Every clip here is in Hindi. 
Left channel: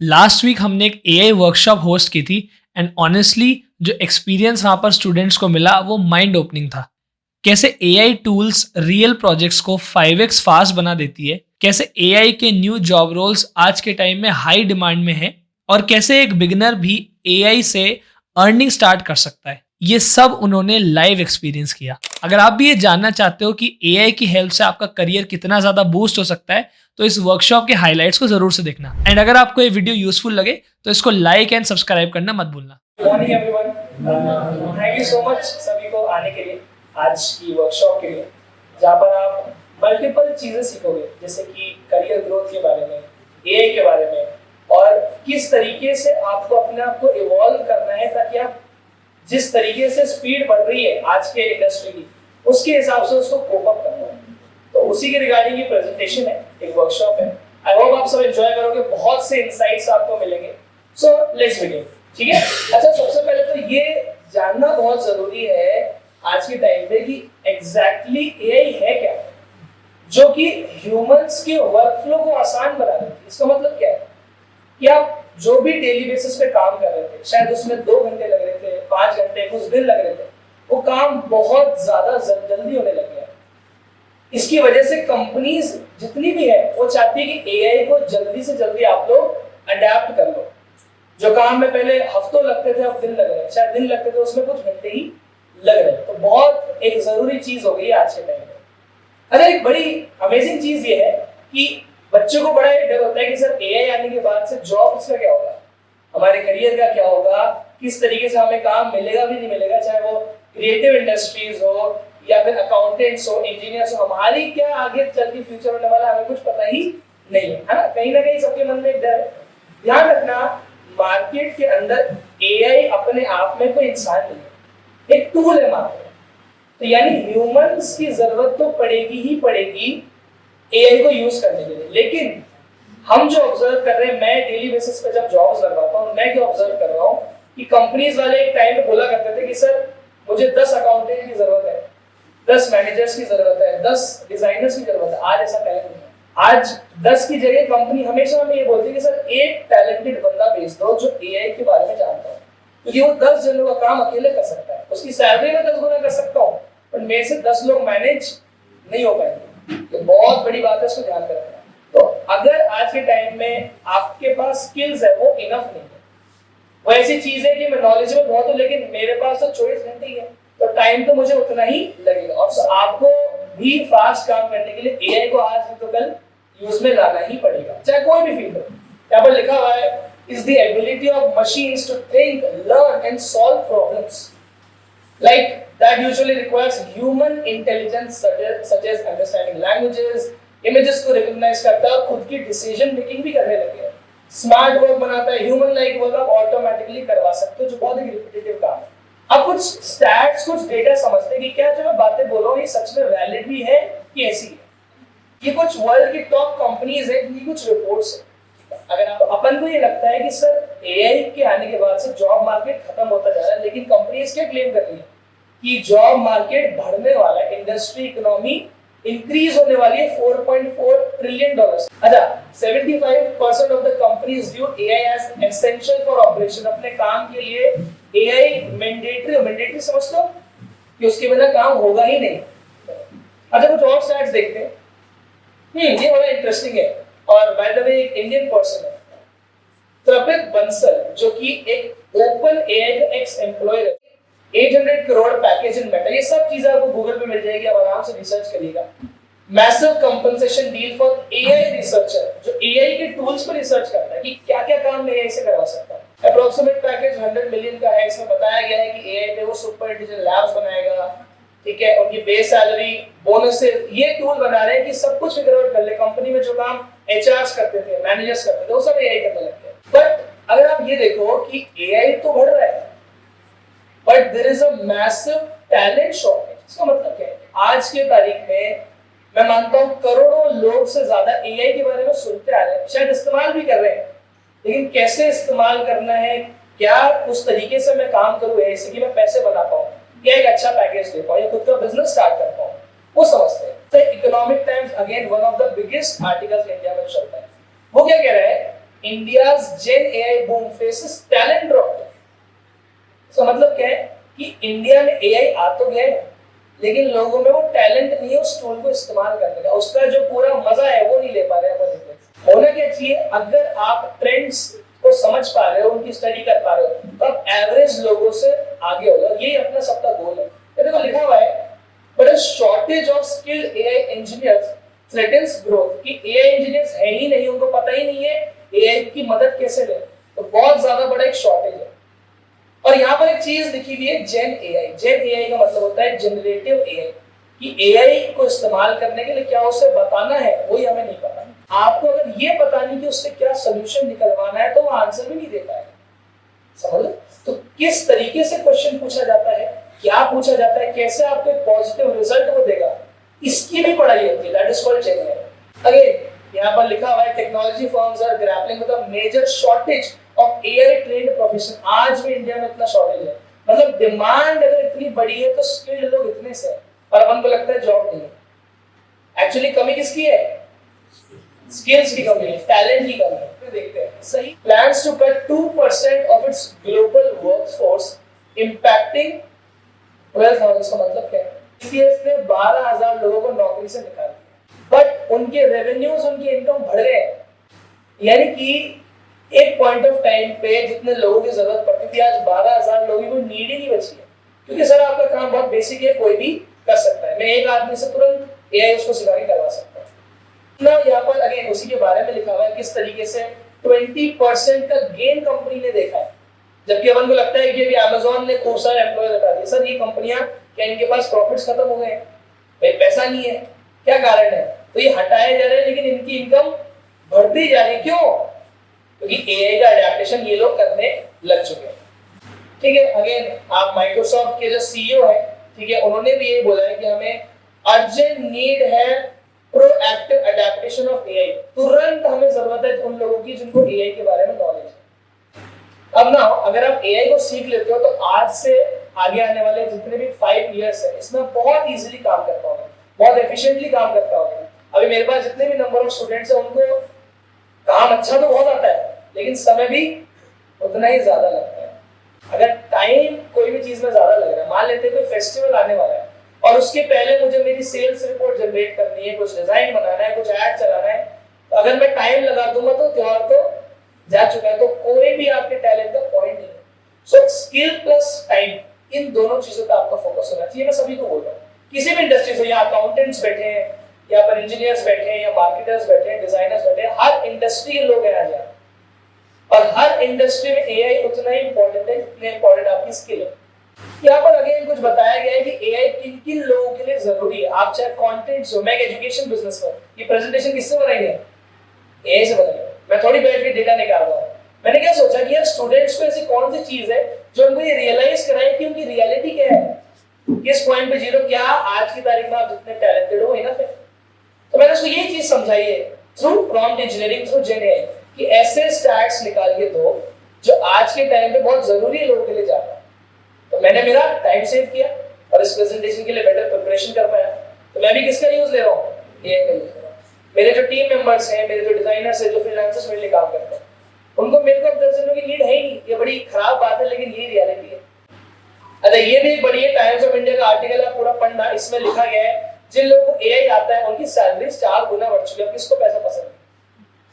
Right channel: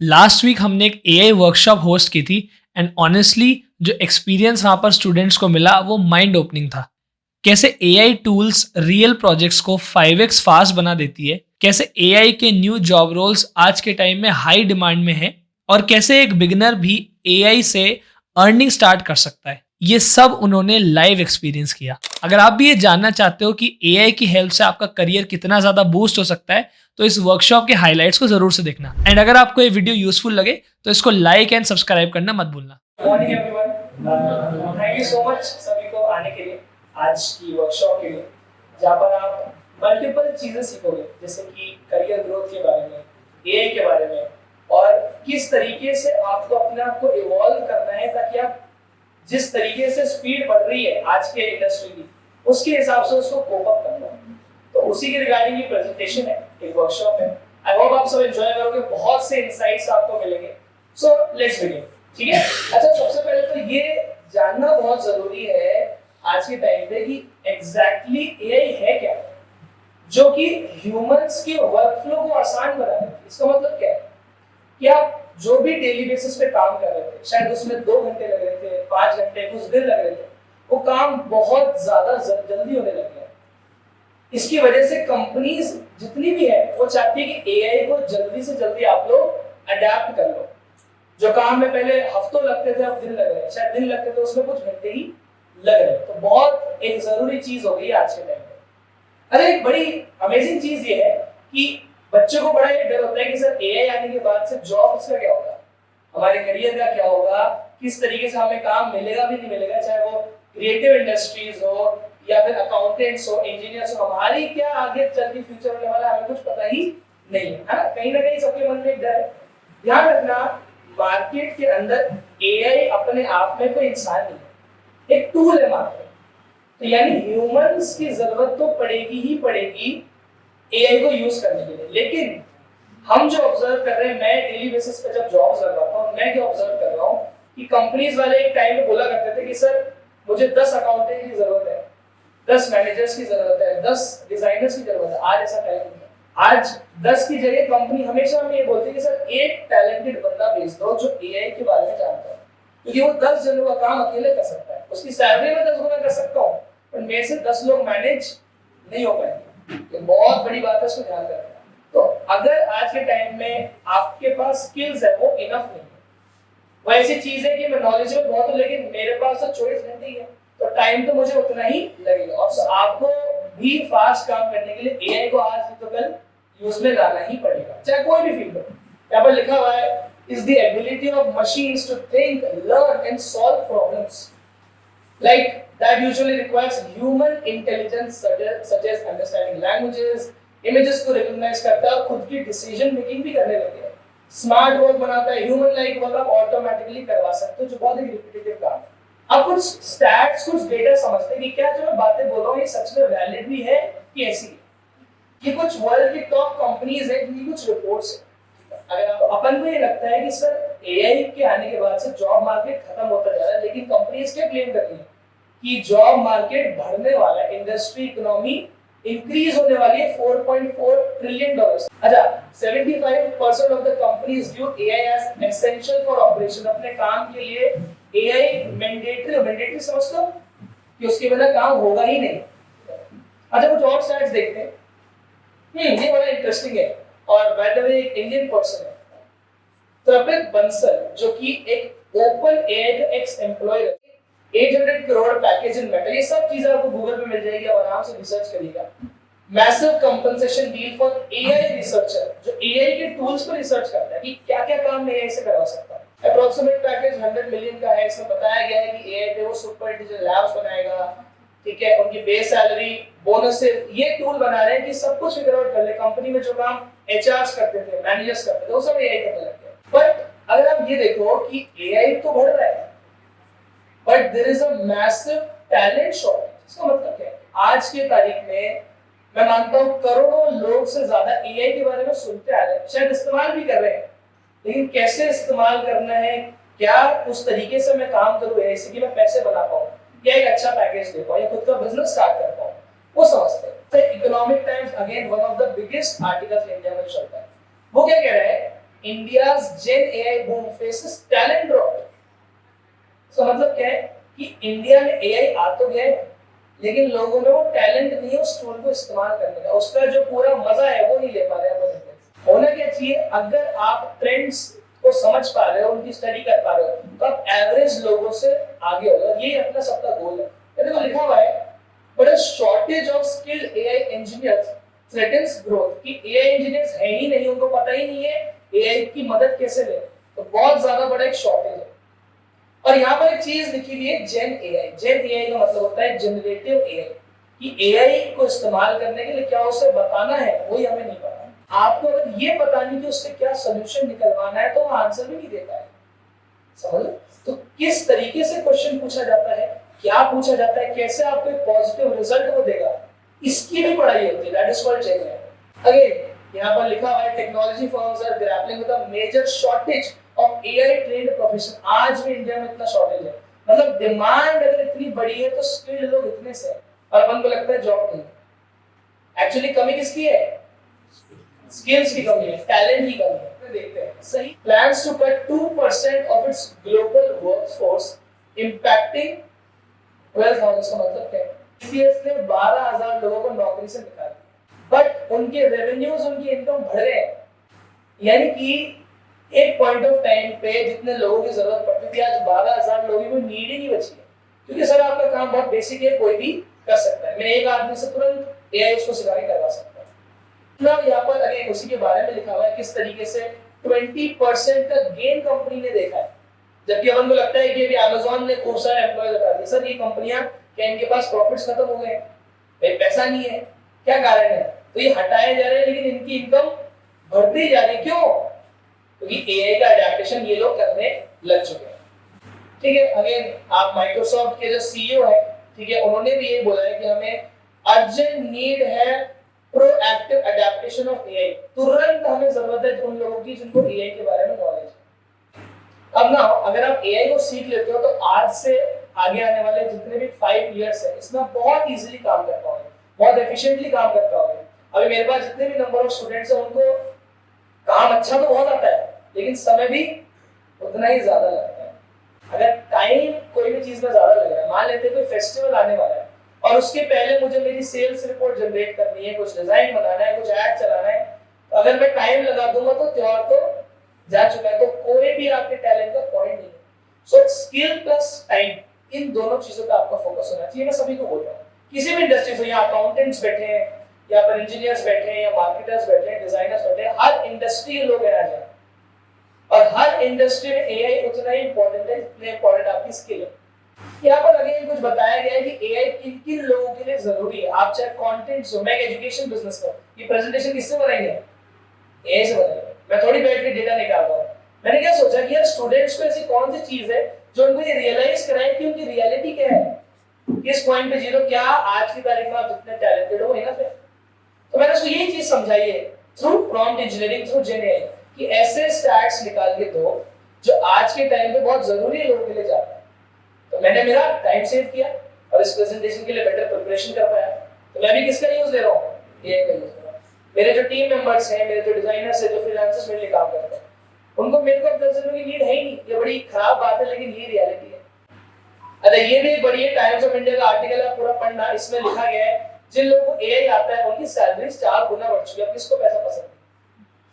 लास्ट वीक हमने एक एआई वर्कशॉप होस्ट की थी एंड ऑनेस्टली जो एक्सपीरियंस वहाँ पर स्टूडेंट्स को मिला वो माइंड ओपनिंग था। कैसे एआई टूल्स रियल प्रोजेक्ट्स को 5x फास्ट बना देती है, कैसे एआई के न्यू जॉब रोल्स आज के टाइम में हाई डिमांड में है और कैसे एक बिगिनर भी एआई से अर्निंग स्टार्ट कर सकता है। ये सब उन्होंने लाइव एक्सपीरियंस किया। अगर आप भी ये जानना चाहते हो कि एआई की हेल्प से आपका करियर कितना ज़्यादा बूस्ट हो सकता है, तो इस वर्कशॉप के हाइलाइट्स को जरूर से देखना। एंड अगर आपको ये वीडियो यूजफुल लगे तो इसको लाइक एंड सब्सक्राइब करना मत भूलना। Morning everyone, thank you so much सभी को आने के लिए आज की वर्कशॉप के लिए, जहाँ पर आप मल्टीपल चीज़ें सीखोगे, जैसे कि करियर ग्रोथ के बारे में, एआई के बारे में, और किस तरीके से आपको अपने आप को इवॉल्व करना है ताकि आप जिस तरीके से स्पीड बढ़ रही है आज के इंडस्ट्री की, उसके हिसाब से उसको कोप अप करना है। तो उसी के रिगार्डिंग ये प्रेजेंटेशन है, एक वर्कशॉप है। आई होप आप सब एंजॉय करोगे, बहुत से इनसाइट्स आपको मिलेंगे। सो लेट्स बिगिन, ठीक है। अच्छा, सबसे पहले तो ये जानना बहुत जरूरी है आज के टाइम पे कि एग्जैक्टली एआई है क्या, जो कि ह्यूमंस के वर्कफ्लो को आसान बना देती है। इसका मतलब क्या है कि आप जो भी डेली बेसिस पे काम कर रहे थे, शायद उसमें 2 घंटे लग रहे थे, 5 घंटे, कुछ दिन लग रहे थे, वो काम बहुत ज्यादा जल्दी होने लग गया। इसकी वजह से कंपनीज जितनी भी है वो चाहती है कि एआई को जल्दी से जल्दी आप लोग अडेप्ट कर लो। जो काम में पहले हफ्तों लगते थे अब दिन लग रहे हैं, शायद दिन लगते थे उसमें कुछ घंटे ही लग रहे हैं। तो बहुत एक जरूरी चीज हो गई है आज के टाइम में। अगर एक बड़ी अमेजिंग चीज ये है कि बच्चों को बड़ा एक डर होता है कि सर एआई आने के बाद से जॉब उसका क्या होगा, हमारे करियर का क्या होगा, किस तरीके से हमें काम मिलेगा भी नहीं मिलेगा, चाहे वो क्रिएटिव इंडस्ट्रीज हो या फिर अकाउंटेंट्स हो, इंजीनियर्स हो, हमारी क्या आगे चल के फ्यूचर होने वाला हमें कुछ पता ही नहीं है ना। कहीं ना कहीं सबके मन में एक डर है। ध्यान रखना, मार्केट के अंदर एआई अपने आप में कोई इंसान नहीं है, एक टूल है मात्र। तो यानी ह्यूमंस की जरूरत तो पड़ेगी ही पड़ेगी एआई को यूज करने के लिए। लेकिन हम जो ऑब्जर्व कर रहे हैं, मैं डेली बेसिस पे जब जॉब्स लगवाता हूँ, मैं क्या ऑब्जर्व कर रहा हूँ कि कंपनीज वाले एक टाइम पे बोला करते थे कि सर मुझे 10 अकाउंटेंट की जरूरत है, 10 मैनेजर्स की जरूरत है, 10 डिजाइनर्स की जरूरत है। आज ऐसा टाइम नहीं है। आज 10 की जगह कंपनी हमेशा हमें ये बोलती है कि सर एक टैलेंटेड बंदा भेज दो जो एआई के बारे में जानता है, क्योंकि वो 10 जनों का काम अकेले कर सकता है। उसकी सैलरी में 10 गुना कर सकता हूँ, पर मेरे से 10 लोग मैनेज नहीं हो पाएंगे। ये बहुत बड़ी बात है, उसको ध्यान रखना। तो अगर आज के टाइम में आपके पास स्किल्स है वो इनफ नहीं है, वो ऐसी चीज है कि मैं नॉलेजेबल बहुत हूँ लेकिन मेरे पास तो 24 घंटे ही है, तो टाइम तो मुझे उतना ही लगेगा। और आपको भी फास्ट काम करने के लिए एआई को आज तो कल यूज में लाना ही पड़ेगा, चाहे कोई भी फील्ड हो। यहाँ पर लिखा हुआ है, is the ability of machines to think, learn and solve problems like that usually requires human intelligence such as understanding languages, images को recognize करता है और खुद की decision making भी करने लगे हैं। स्मार्ट वर्क बनाता है, ह्यूमन लाइक वर्क आप ऑटोमेटिकली करवा सकते हो, जो बहुत ही रिपीटेटिव काम है। अब कुछ स्टैट्स, कुछ डेटा समझते हैं कि क्या जो मैं बातें बोल रहा हूँ ये सच में वैलिड भी है कि ऐसी है। ये कुछ वर्ल्ड की टॉप कंपनीज है, इनकी कुछ रिपोर्ट्स है। अगर आप अपन को ये लगता है कि सर एआई के आने के बाद से जॉब मार्केट खत्म होता जा रहा है, लेकिन कंपनीज क्या क्लेम कर रही है कि जॉब मार्केट बढ़ने वाला है, इंडस्ट्री इकोनॉमी इंक्रीज होने वाली है 4.4 ट्रिलियन डॉलर्स। अच्छा, 75% of the companies view AI as essential for operation. अपने काम के लिए एआई मैंडेटरी समझ लो कि उसके बिना काम होगा ही नहीं। अच्छा, कुछ और स्टैट्स देखते हैं। ये बड़ा इंटरेस्टिंग है। और बाय द वे एक इंडियन पर्सन है, त्रपित बंसल, जो कि एक ओपन एआई का एक्स एम्प्लॉय है। 800 करोड़ पैकेज इन मेटल, ये सब चीजें आपको गूगल पे मिल जाएगी, आप आराम से रिसर्च करिएगा। Massive compensation deal for AI researcher, जो एआई के टूल्स पर रिसर्च करता है कि क्या क्या काम एआई से करवा सकता है। अप्रोक्सीमेट पैकेज 100 मिलियन का है। इसमें बताया गया है कि एआई पे वो सुपर इंटेलिजेंट लैब्स बनाएगा, ठीक है। उनकी बेस सैलरी, बोनस से ये टूल बना रहे हैं कि सब कुछ फिगर आउट कर ले। कंपनी में जो काम एचआरस करते थे, मैनेजर्स करते थे, वो सब एआई करने लगते हैं। बट अगर आप ये देखो कि एआई तो बढ़ रहा है, but there is a massive talent shortage. इसका मतलब क्या है? आज के तारीख में मैं मानता हूं करोड़ों लोग से ज्यादा एआई के बारे में सुनते आ रहे हैं, शायद इस्तेमाल भी कर रहे हैं, लेकिन कैसे इस्तेमाल करना है, क्या उस तरीके से मैं काम करूं एआई से कि मैं पैसे बना पाऊं, या एक अच्छा पैकेज ले पाऊं, या खुद का बिजनेस स्टार्ट कर पाऊं, वो समझते हैं। Economic Times again one of the biggest articles India में चलता है। वो क्या कह रहा है India's Gen AI boom faces talent drop. तो मतलब क्या है कि इंडिया में एआई आ तो गया है, लेकिन लोगों में वो टैलेंट नहीं है उस टूल को इस्तेमाल करने का, उसका जो पूरा मजा है वो नहीं ले पा रहे हैं। होना क्या चाहिए, अगर आप ट्रेंड्स को समझ पा रहे हो, उनकी स्टडी कर पा रहे हो, तो आप एवरेज लोगों से आगे होगा। ये अपना सबका गोल है। देखो लिखा हुआ है, but a shortage of skilled AI engineers threatens growth, कि एआई इंजीनियर्स है ही नहीं, उनको पता ही नहीं है एआई की मदद कैसे लें, तो बहुत ज्यादा बड़ा एक शॉर्टेज है। और यहाँ पर एक चीज लिखी हुई है जेन एआई। जेन एआई का मतलब होता है जनरेटिव एआई, कि एआई को इस्तेमाल करने के लिए क्या उसे बताना है वही हमें नहीं पता। आपको अगर ये पता नहीं कि उससे क्या सोल्यूशन निकलवाना है तो वो आंसर भी नहीं दे पाएगा। समझ लो? तो किस तरीके से क्वेश्चन पूछा जाता है, क्या पूछा जाता है, कैसे आपको एक पॉजिटिव रिजल्ट वो देगा, इसकी भी पढ़ाई होती है। That is called gen AI. Again यहाँ पर लिखा हुआ है technology firms are grappling with a major shortage of AI trained profession. आज भी इंडिया में इतना शॉर्टेज है, मतलब डिमांड अगर इतनी बड़ी है तो स्किल्ड लोग इतने से हैं, और अपन को लगता है जॉब नहीं है। एक्चुअली कमी किसकी है? स्किल्स की कमी है, टैलेंट की कमी है। देखते हैं सही। Plans to cut 2% of its global workforce impacting 12,000 का मतलब क्या है? टीसीएस ने 12,000 लोगों को नौकरी से निकाल दिया, बट उनके रेवेन्यूज, उनकी इनकम बढ़ रहे हैं। यानी कि एक पॉइंट ऑफ टाइम पे जितने लोगों की जरूरत पड़ती थी, आज 12,000 लोगों की नीड ही नहीं बची है। क्योंकि सर आपका काम बहुत बेसिक है, कोई भी कर सकता है, मैं एक आदमी से तुरंत एआई उसको सिखा के करवा सकता हूँ ना। यहाँ पर अगेन उसी के बारे में लिखा हुआ है किस तरीके से 20% का गेन कंपनी ने देखा है, जबकि अपन को लगता है कि अभी अमेज़न ने खूब सारे एम्प्लॉय लगा दिए। सर ये कंपनियां क्या इनके पास प्रॉफिट्स खत्म हो गए, भाई पैसा नहीं है, क्या कारण है? तो ये हटाए जा रहे हैं, लेकिन इनकी इनकम बढ़ती जा रही है। क्यों? क्योंकि एआई का एडेप्टेशन ये लोग करने लग चुके हैं। ठीक है, अगेन आप माइक्रोसॉफ्ट के जो सीईओ है, ठीक है, उन्होंने भी ये बोला है कि हमें अर्जेंट नीड है प्रोएक्टिव एडेप्टेशन ऑफ एआई। तुरंत हमें जरूरत है उन लोगों की जिनको एआई के बारे में नॉलेज है। अब ना अगर आप एआई को सीख लेते हो तो आज से आगे आने वाले जितने भी 5 इयर्स है इसमें बहुत इजीली काम कर पाओगे, बहुत एफिशिएंटली काम कर पाओगे। अभी मेरे पास जितने भी नंबर ऑफ स्टूडेंट्स हैं उनको काम अच्छा तो बहुत आता है, लेकिन समय भी उतना ही ज्यादा लगता है। अगर टाइम कोई भी चीज में ज्यादा लग रहा है, मान लेते हैं कोई फेस्टिवल आने वाला है और उसके पहले मुझे मेरी सेल्स रिपोर्ट जनरेट करनी है, कुछ डिजाइन बनाना है, कुछ ऐड चलाना है, तो अगर मैं टाइम लगा दूंगा तो त्योहार तो जा चुका है। तो कोई भी आपके टैलेंट का पॉइंट नहीं है। सो स्किल प्लस टाइम, इन दोनों चीजों पे आपका फोकस होना चाहिए। मैं सभी को बोल रहा हूँ, किसी भी इंडस्ट्री से, या अकाउंटेंट्स बैठे हैं, या पर इंजीनियर्स बैठे हैं, या मार्केटर्स बैठे हैं, डिजाइनर्स बैठे हैं, हर इंडस्ट्री के लोग हैं आज, और हर इंडस्ट्री में एआई उतना ही इंपॉर्टेंट है जितने इंपॉर्टेंट आपकी स्किल है। यहाँ पर अगेन कुछ बताया गया है कि एआई किन किन लोगों के लिए जरूरी है। आप चाहे कंटेंट्स हो, मैं एजुकेशन बिजनेस में, ये प्रेजेंटेशन किससे बनाएंगे? एआई से बनाएंगे। मैं थोड़ी बैठ के डेटा निकाल रहा हूँ। मैंने क्या सोचा कि यार स्टूडेंट्स को ऐसी कौन सी चीज है जो उनको ये रियलाइज कराए कि उनकी रियलिटी क्या है, किस पॉइंट पे जीरो, क्या आज की तारीख में आप जितने टैलेंटेड हो इनफ है। तो मैंने उसको यही चीज समझाई है थ्रू प्रॉम्प्ट इंजीनियरिंग, थ्रू जेन एआई, कि ऐसे स्टैट्स निकाल के दो जो आज के टाइम पे बहुत जरूरी है लोगों के लिए जाना। तो मैंने मेरा टाइम सेव किया और इस प्रेजेंटेशन के लिए बेटर प्रिपरेशन कर पाया। तो मैं भी किसका यूज ले रहा हूँ? एआई का यूज कर रहा हूँ। मेरे जो टीम मेंबर्स हैं, मेरे जो डिजाइनर्स हैं, जो फ्रीलांसर्स मेरे लिए काम करते हैं, उनको मेरे को दर्जनों की नीड है ही नहीं। ये बड़ी खराब बात है, लेकिन ये रियलिटी है। अच्छा, ये भी बड़ी है, टाइम्स ऑफ इंडिया का आर्टिकल है, पूरा पढ़ना। इसमें लिखा गया है जिन लोगों को एआई आता है उनकी सैलरी 4 गुना बढ़ चुकी है। किसको पैसा पसंद है?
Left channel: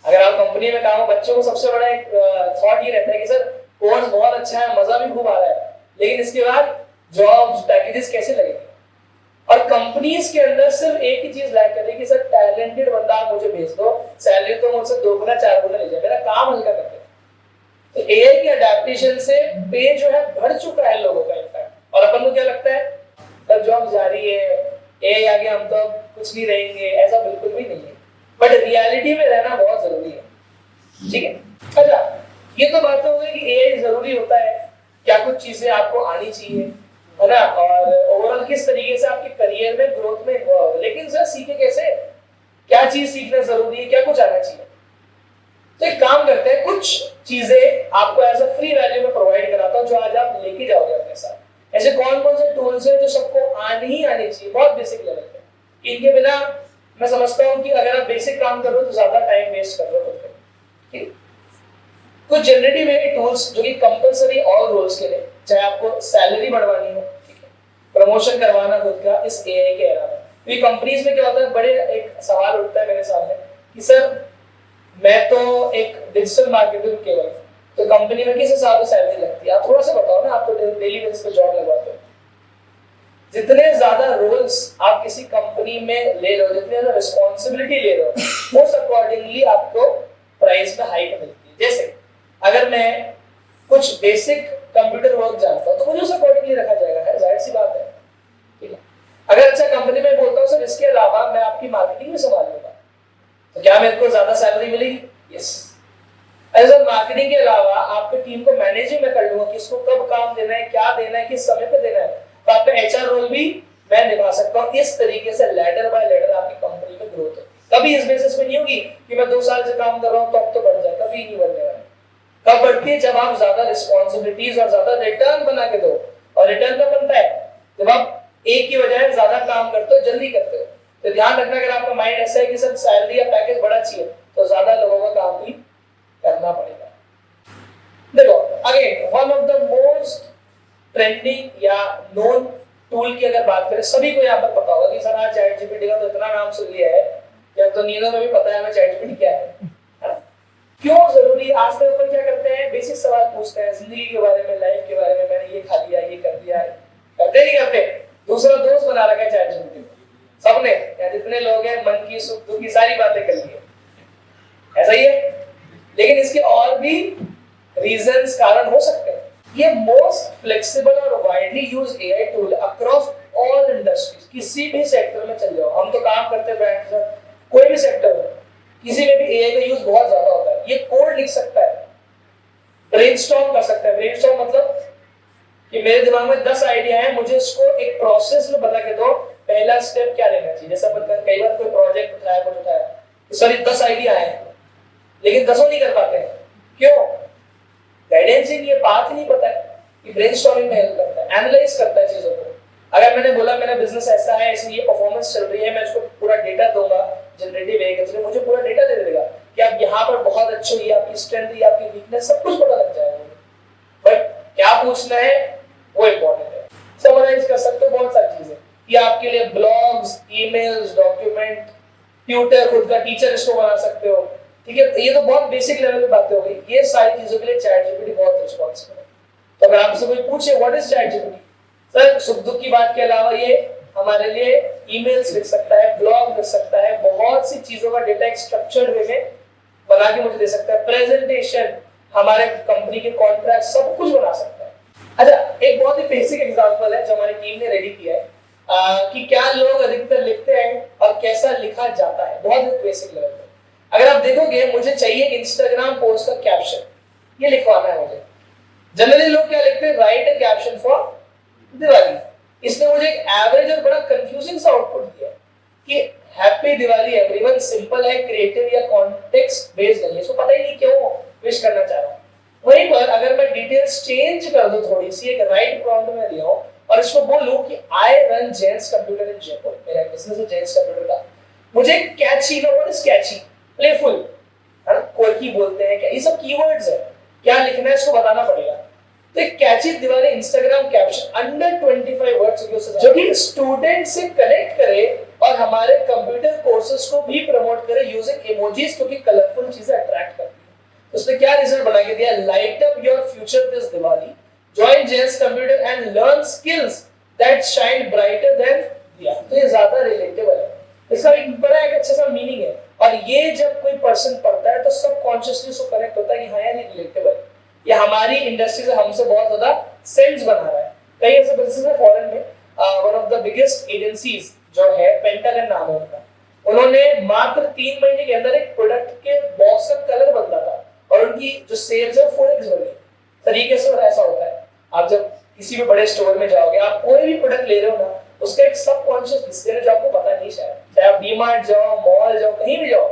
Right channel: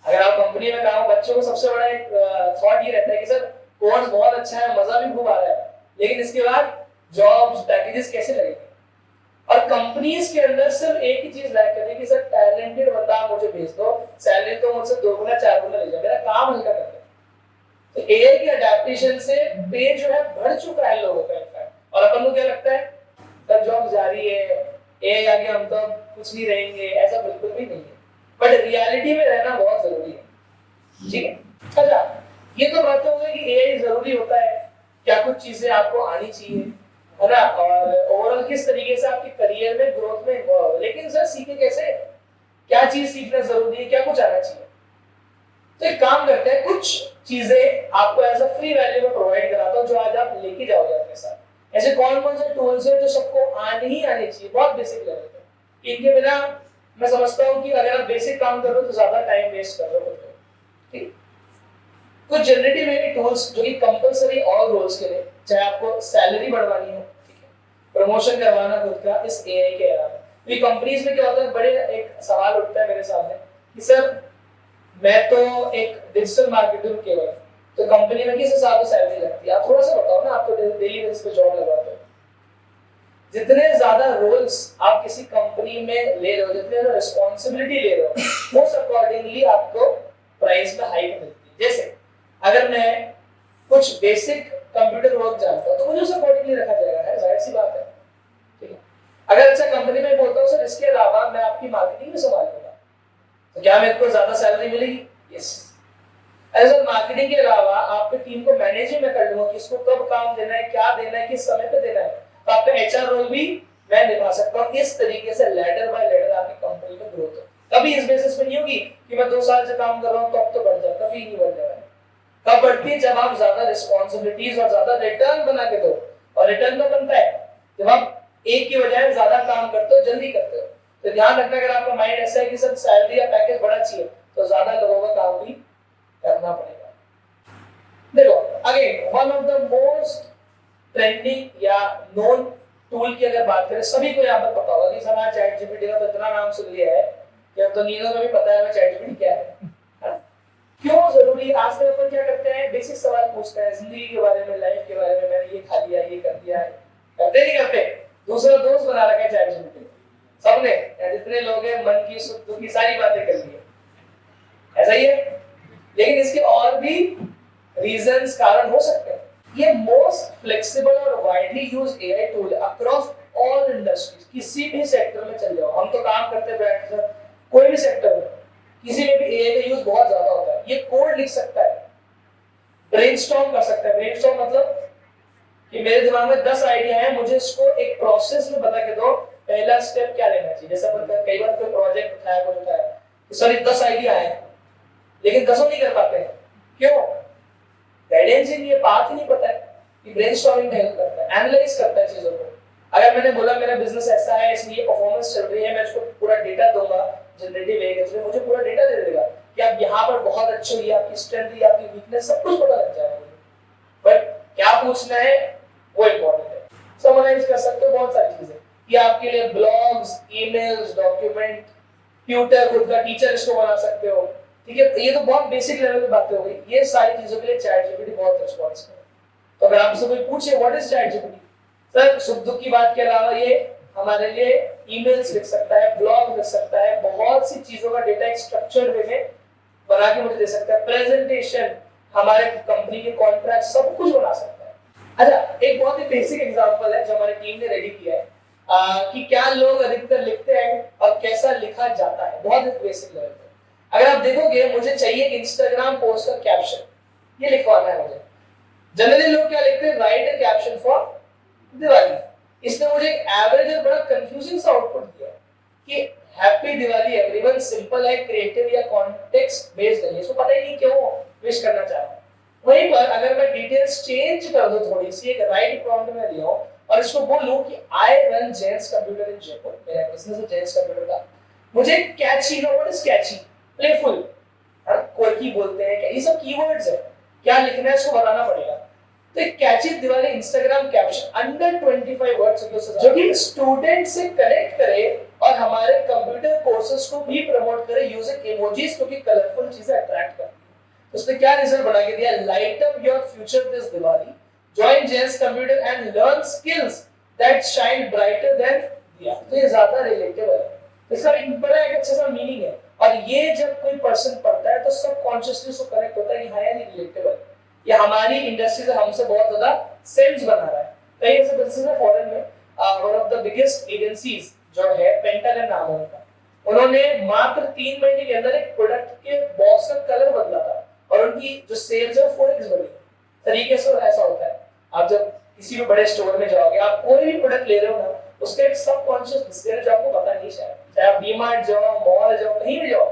अगर आप कंपनी में काम हो, बच्चों को सबसे बड़ा एक थॉट ये रहता है कि सर कोर्स बहुत अच्छा है, मजा भी खूब आ रहा है, लेकिन इसके बाद जॉब्स, पैकेजेस कैसे लगेंगे? और कंपनीज के अंदर सिर्फ एक ही चीज लैक कर रही है कि सर टैलेंटेड बंदा मुझे भेज दो, सैलरी तो मुझसे 2 गुना 4 गुना ले जाए, मेरा काम हल्का कर दे। तो एआई की अडैप्टेशन से पे जो है बढ़ चुका है लोगों का इनफैक्ट। और अपन को क्या लगता है सर जॉब जा रही है, एआई आगे हम तो कुछ नहीं रहेंगे, ऐसा बिल्कुल भी नहीं है। बट रियलिटी में रहना बहुत जरूरी है। ठीक है, अच्छा ये तो बात हो गई कि एआई जरूरी होता है, क्या कुछ चीजें आपको आनी चाहिए, है ना, और ओवरऑल किस तरीके से आपके करियर में ग्रोथ में इन्वॉल्व हो। लेकिन सर सीखे कैसे, क्या चीज सीखना जरूरी है, क्या कुछ आना चाहिए? तो एक काम करते हैं, कुछ चीजें आपको एज अ फ्री वैल्यू में प्रोवाइड कराता हूँ जो आज आप लेके जाओगे अपने साथ। ऐसे कौन कौन से टूल्स हैं जो सबको आने ही आने चाहिए, बहुत बेसिक लेवल पे। इनके बिना मैं समझता हूँ कि अगर आप बेसिक काम कर रहे हो तो ज्यादा टाइम वेस्ट कर रहे हो। ठीक, कुछ जनरेटिव एआई टूल्स जो कि कंपलसरी ऑल रोल्स के लिए, चाहे आपको सैलरी बढ़वानी हो, ठीक है, प्रमोशन करवाना खुद का इस एआई के अलावा। ये कंपनीज में क्या होता है, बड़े एक सवाल उठता है मेरे सामने कि सर मैं तो एक डिजिटल मार्केटर हूं केवल, तो कंपनी में किस हिसाब से सैलरी लगती है? आप थोड़ा सा बताओ ना, आप तो डेली बेसिस पे जॉब लगवाते हो। जितने ज्यादा रोल्स आप किसी कंपनी में ले रहे हो, जितने ज्यादा रिस्पॉन्सिबिलिटी ले रहे हो, उस अकॉर्डिंगली आपको प्राइस में हाइक मिलती है। जैसे अगर मैं कुछ बेसिक कंप्यूटर वर्क जानता हूं तो मुझे उस अकॉर्डिंगली रखा जाएगा, है जाहिर सी बात है, ठीक है। अगर अच्छा कंपनी में बोलता हूं सर इसके अलावा मैं आपकी मार्केटिंग में संभाल लूंगा, तो क्या मेरे को ज्यादा सैलरी मिलेगी? यस। अगर मार्केटिंग के अलावा आपकी टीम को मैनेजिंग में कर लूंगा, किसको कब काम देना है, क्या देना है, किस समय पे देना है, तो आपका एचआर रोल भी मैं निभा सकता हूं। इस तरीके से लेडर बाय लेडर आपकी कंपनी में ग्रोथ हो। कभी इस बेसिस पे नहीं होगी कि मैं 2 साल से काम कर रहा हूं तो अब तो बढ़ जाए, कभी नहीं बढ़ने वाला। कब बढ़ती है? जब आप ज्यादा रिस्पॉन्सिबिलिटीज और ज्यादा रिटर्न बना के दो। और रिटर्न तो बनता है जब आप एक की बजाय ज्यादा काम करते हो, जल्दी करते हो। तो ध्यान रखना, अगर आपका माइंड ऐसा है कि सब सैलरी या पैकेज बड़ा चाहिए तो ज्यादा लोगों का काम भी करना पड़ेगा। देखो again one of the most trending या नोन टूल की अगर बात करें, सभी को यहाँ पर पता होगा कि सर आज चैट जीपीटी का तो इतना नाम सुन लिया है कि तो नींदों में भी पता है हमें चैट जीपीटी क्या है। क्यों जरूरी? आज तक अपन क्या करते हैं, बेसिक सवाल पूछते हैं जिंदगी के बारे में, लाइफ के बारे में, मैंने ये खा लिया, ये कर दिया है, करते नहीं करते? दूसरा दोस्त बना रखा है चैट जीपीटी में सबने, या जितने लोग हैं मन की सुख दुख की सारी बातें कर ली है, ऐसा ही है। लेकिन इसके और भी रीजंस, कारण हो सकते हैं। ये मोस्ट फ्लेक्सिबल और widely used AI tool across all industries. किसी भी सेक्टर में चल जाओ, हम तो काम करते बैठ कर, कोई भी सेक्टर में किसी में भी एआई का यूज बहुत ज्यादा होता है। ये कोड लिख सकता है, ब्रेनस्टॉर्म कर सकता है। ब्रेनस्टॉर्म मतलब कि मेरे दिमाग में 10 आइडिया हैं, मुझे इसको एक प्रोसेस में बता के दो, पहला स्टेप क्या लेना चाहिए। जैसे अपन कई बार कोई प्रोजेक्ट उठाया, कुछ उठाया, तो सर 10 आइडिया है लेकिन 10 नहीं कर पाते हैं। क्यों? गाइडेंस ही नहीं है, बात ही नहीं पता है कि ब्रेनस्टॉर्मिंग में हेल्प करता है, एनालाइज करता है चीजों को। अगर मैंने बोला मेरा बिजनेस ऐसा है, इसमें ये परफॉर्मेंस चल रही है, मैं इसको पूरा डेटा दूंगा, जनरेटिव एआई के थ्रू मुझे पूरा डेटा दे देगा कि आप यहाँ पर बहुत अच्छे हो, आपकी स्ट्रेंथ है, आपकी वीकनेस, सब कुछ पता लग जाएगा मुझे। बट क्या पूछना है वो इम्पोर्टेंट है। समराइज कर सकते हो बहुत सारी चीजें कि आपके लिए ब्लॉग्स, ईमेल्स, डॉक्यूमेंट, ट्यूटर, खुद का टीचर इसको बना सकते हो, ठीक है। ये तो बहुत बेसिक लेवल की बातें हो गई। ये सारी चीजों के लिए चैट जीपीटी बहुत रिस्पॉन्सिबल है। तो अगर आपसे कोई पूछे what is chat GPT, sir सुख दुख की बात के अलावा ये हमारे लिए ईमेल्स लिख सकता है, ब्लॉग लिख सकता है, बहुत सी चीजों का डेटा एक स्ट्रक्चर्ड वे में बना के मुझे दे सकता है, प्रेजेंटेशन, हमारे कंपनी के कॉन्ट्रैक्ट, सब कुछ बना सकता है। अच्छा, एक बहुत ही बेसिक एग्जांपल है जो हमारी टीम ने रेडी किया है कि क्या लोग अधिकतर लिखते हैं और कैसा लिखा जाता है, बहुत ही बेसिक लेवल पे। अगर आप देखोगे, मुझे चाहिए इंस्टाग्राम पोस्ट का कैप्शन, ये लिखवाना है मुझे। जनरली लोग क्या लिखते हैं, right a caption for Diwali. इसने मुझे एक एवरेज और बड़ा कंफ्यूजिंग सा आउटपुट दिया कि हैप्पी दिवाली एवरीवन, सिंपल है, क्रिएटिव या कॉन्टेक्स्ट बेस्ड है, इसको पता ही नहीं क्यों विश करना चाह रहा हूं। वहीं पर अगर मैं डिटेल्स चेंज कर दूं थोड़ी सी, एक राइट प्रॉम्प्ट में दिया हूं और इसको बोलूं कि आई रन जेंट्स कंप्यूटर इन जयपुर, मेरा बिजनेस है जेंट्स कंप्यूटर का, मुझे कैची ना, व्हाट इज कैची, प्लेफुल, है ना, कोई बोलते हैं क्या, ये सब कीवर्ड्स है, क्या लिखना है इसको बताना पड़ेगा। तो एक catchy Diwali Instagram caption under 25 words जो कि स्टूडेंट से कनेक्ट करे और हमारे कंप्यूटर कोर्सेज को भी प्रमोट करे यूजिंग इमोजीज, क्योंकि कलरफुल चीजें अट्रैक्ट करती है। तो उसने क्या रिजल्ट बना के दिया, light up your future this Diwali, join gents computer and learn skills that shine brighter then दिया। तो ये ज्यादा रिलेटेबल है, इसका एक बड़ा एक अच्छा सा मीनिंग है। और ये जब कोई पर्सन पढ़ता है तो सबकॉन्शियसली उसको कनेक्ट होता है कि हाँ यार ये रिलेटेबल है, ये हमारी इंडस्ट्री से हमसे बहुत ज्यादा सेंस बना रहा है। कई ऐसे बिजनेस है फॉरेन में, one of the biggest agencies जो है, पेंटागन नाम है उनका, उन्होंने मात्र 3 महीने के अंदर एक प्रोडक्ट के बॉक्स का कलर बदला था और उनकी जो सेल्स है 4x बढ़ी तरीके से। और ऐसा होता है, आप जब किसी भी बड़े स्टोर में जाओगे, आप कोई भी प्रोडक्ट ले रहे हो ना, उसका एक सबकॉन्शियस डिस्प्ले है जो आपको पता नहीं, शायद चाहे आप डीमार्ट जाओ, मॉल जाओ, कहीं भी जाओ,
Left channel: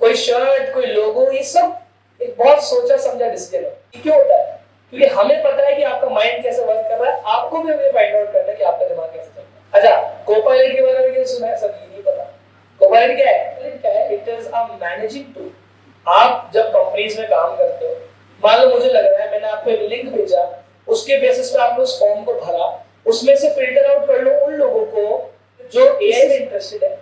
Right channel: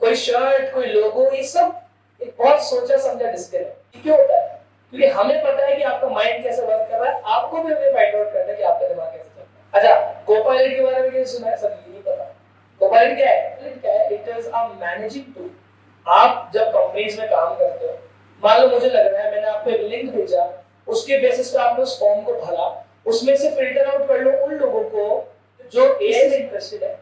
कोई शर्ट, कोई लोगो, ये सब एक बहुत सोचा समझा डिस्प्ले है। क्यों होता है? क्योंकि हमें पता है कि आपका माइंड कैसे वर्क कर रहा है, आपको भी हमें फाइंड आउट करना है कि आपका दिमाग कैसे चल रहा है। अच्छा, कोपायलट के बारे में क्या सुना है? सब नहीं पता। कोपायलट क्या है? It is a managing tool. आप जब कंपनीज में काम करते हो मान लो मुझे लग रहा है मैंने आपको एक लिंक भेजा, उसके बेसिस पे आपने उस फॉर्म को भरा, उसमें से फिल्टर आउट कर लो उन लोगों को जो एआई में इंटरेस्टेड है।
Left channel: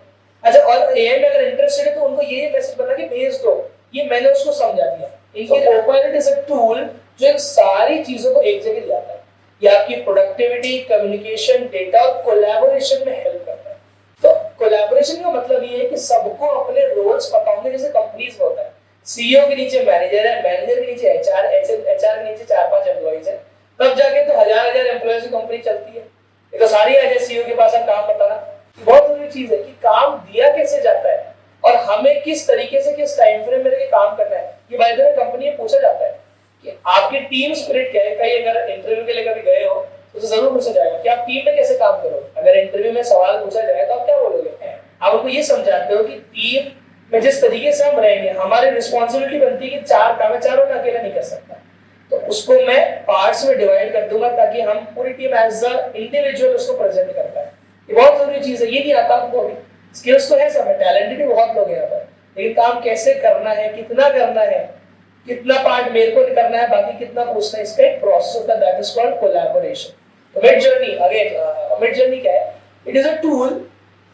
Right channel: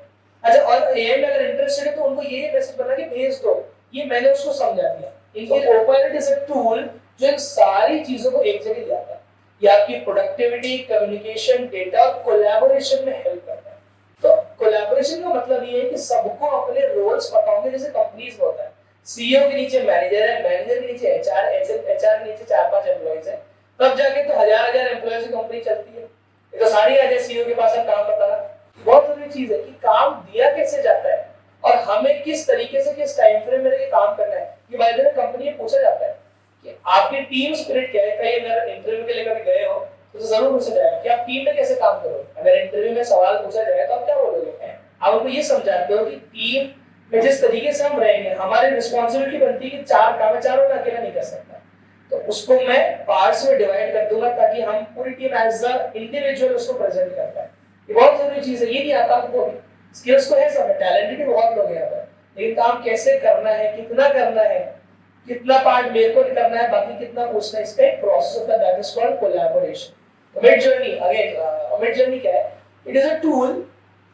अच्छा, और एआई में अगर इंटरेस्टेड है तो उनको ये मैसेज बना के भेज दो, ये मैंने उसको समझा दिया। इनकी कोपायलट इज अ टूल जो इन सारी चीजों को एक जगह लाता है। ये आपकी प्रोडक्टिविटी, कम्युनिकेशन, डेटा और कोलैबोरेशन में हेल्प करता है। तो कोलैबोरेशन का मतलब ये है कि सबको अपने रोल्स पता होंगे, जैसे कंपनीज में होता है सीईओ के नीचे मैनेजर है, मैनेजर के नीचे एचआर, एचआर के नीचे 4-5 एम्प्लॉइज है, तब जाके तो हजार एम्प्लॉइज की कंपनी चलती है। ये तो सारी आ जाए सीईओ के पास, हम काम बताना। बहुत जरूरी चीज है कि काम दिया कैसे जाता है और हमें किस तरीके से किस टाइम फ्रेम में काम करना है। ये बाय द वे कंपनी में पूछा जाता है कि आपकी टीम स्पिरिट क्या है। कहीं अगर इंटरव्यू के लिए कभी गए हो तो जरूर पूछा जाएगा कि आप टीम में कैसे काम करोगे। अगर इंटरव्यू में सवाल पूछा जाए तो आप क्या बोलोगे? आप उनको ये समझाते हो कि टीम में जिस तरीके से हम रहेंगे, हमारी रिस्पॉन्सिबिलिटी बनती है कि 4 काम है, चारों का अकेला नहीं कर सकता, तो उसको मैं पार्ट्स में डिवाइड कर दूंगा ताकि हम पूरी टीम एज अ इंडिविजुअल उसको प्रेजेंट कर पाए। ये बहुत जरूरी चीज है। ये नहीं आता आपको, स्किल्स तो है सब, टैलेंटेड भी बहुत लोग हैं यहाँ पर, लेकिन काम कैसे करना है, कितना करना है, कितना पार्ट मेरे को करना है, बाकी कितना पूछना है, इसका एक प्रोसेस होता है, दैट इज कॉल्ड कोलैबोरेशन। तो mid journey, again mid journey क्या है? इट इज अ टूल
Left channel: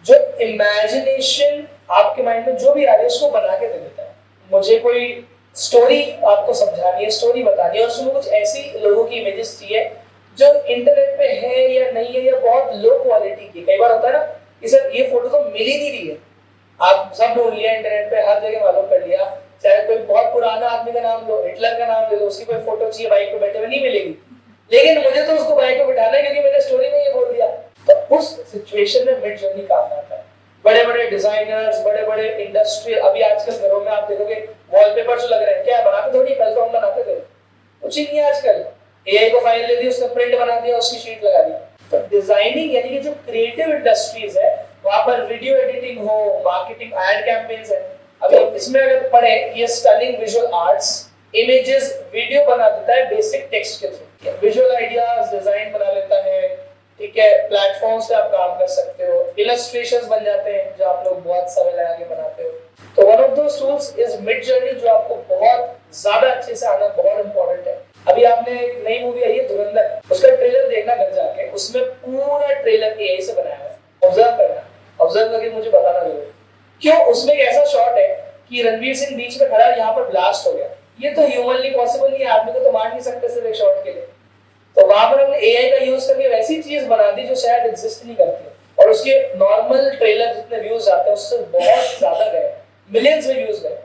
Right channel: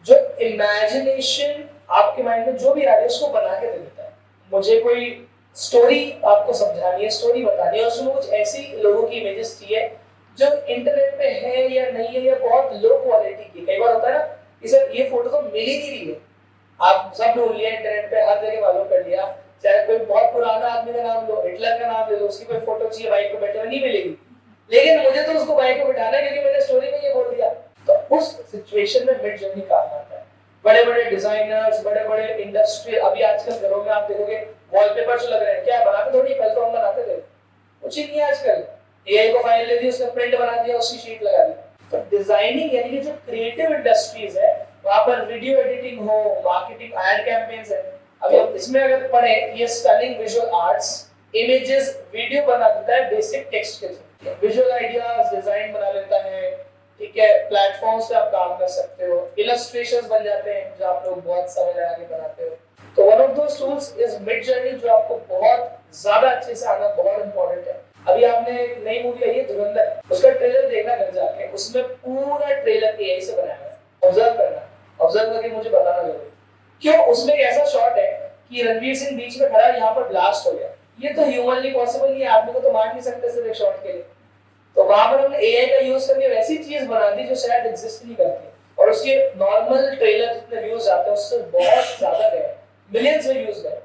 जो इमेजिनेशन आपके माइंड में जो भी आ रही है उसको बना के दे देता है। मुझे कोई स्टोरी आपको समझानी है, स्टोरी बतानी है, उसमें कुछ ऐसी लोगों की इमेजेस चाहिए जो इंटरनेट पे है या नहीं है, या बहुत लो क्वालिटी की। कई बार होता है ना कि सर ये फोटो तो मिल ही नहीं रही है, आप सब ढूंढ लिया इंटरनेट पे, हर जगह मालूम कर लिया, चाहे कोई बहुत पुराना आदमी का नाम लो, हिटलर का नाम ले लो, उसकी कोई फोटो चाहिए बाइक पे बैठे हुए, नहीं मिलेगी, लेकिन मुझे तो उसको बाइक पे बिठाना है क्योंकि मैंने स्टोरी में ये बोल दिया। तो उस सिचुएशन में मिड जर्नी काम आता है। बड़े बड़े डिजाइनर्स, बड़े बड़े इंडस्ट्री, अभी आजकल घरों में आप देखोगे वॉलपेपर जो लग रहे हैं, क्या बनाते थोड़ी, कल तो हम बनाते थे, कुछ ही नहीं है आजकल। एआई को फाइल दे दी, उसने प्रिंट बना दिया, उसकी शीट लगा दी। तो डिजाइनिंग यानी कि जो क्रिएटिव इंडस्ट्रीज है, वहां पर वीडियो एडिटिंग हो, मार्केटिंग, एड कैंपेन्स है। अभी हम इसमें अगर पढ़े, ये stunning visual arts, images, video बना देता है बेसिक टेक्स्ट के थ्रू, विजुअल आइडियाज, डिजाइन बना लेता है, ठीक है, प्लेटफॉर्म्स पे आप काम कर सकते हो, इलस्ट्रेशंस बन जाते हैं जो आप लोग बहुत समय लगा के बनाते हो। तो one of those tools is mid journey, जो आपको बहुत ज्यादा अच्छे से आना बहुत इंपॉर्टेंट है। अभी आपने एक नई मूवी आई है धुरंधर, उसका ट्रेलर देखना घर जाके, उसमें पूरा ट्रेलर एआई से बनाया है। ऑब्जर्व करना, ऑब्जर्व करके मुझे बताना जरूर क्यों। उसमें एक ऐसा शॉट है कि रणवीर सिंह बीच में खड़ा है, यहाँ पर ब्लास्ट हो गया, ये तो ह्यूमनली पॉसिबल नहीं है, आदमी को तो मार नहीं सकते सिर्फ एक शॉट के लिए। तो वहां पर हमने एआई का यूज करके वैसी चीज बना दी जो शायद एग्जिस्ट नहीं करती, और उसके नॉर्मल ट्रेलर जितने व्यूज आते हैं उससे बहुत ज्यादा गए, मिलियंस में व्यूज गए।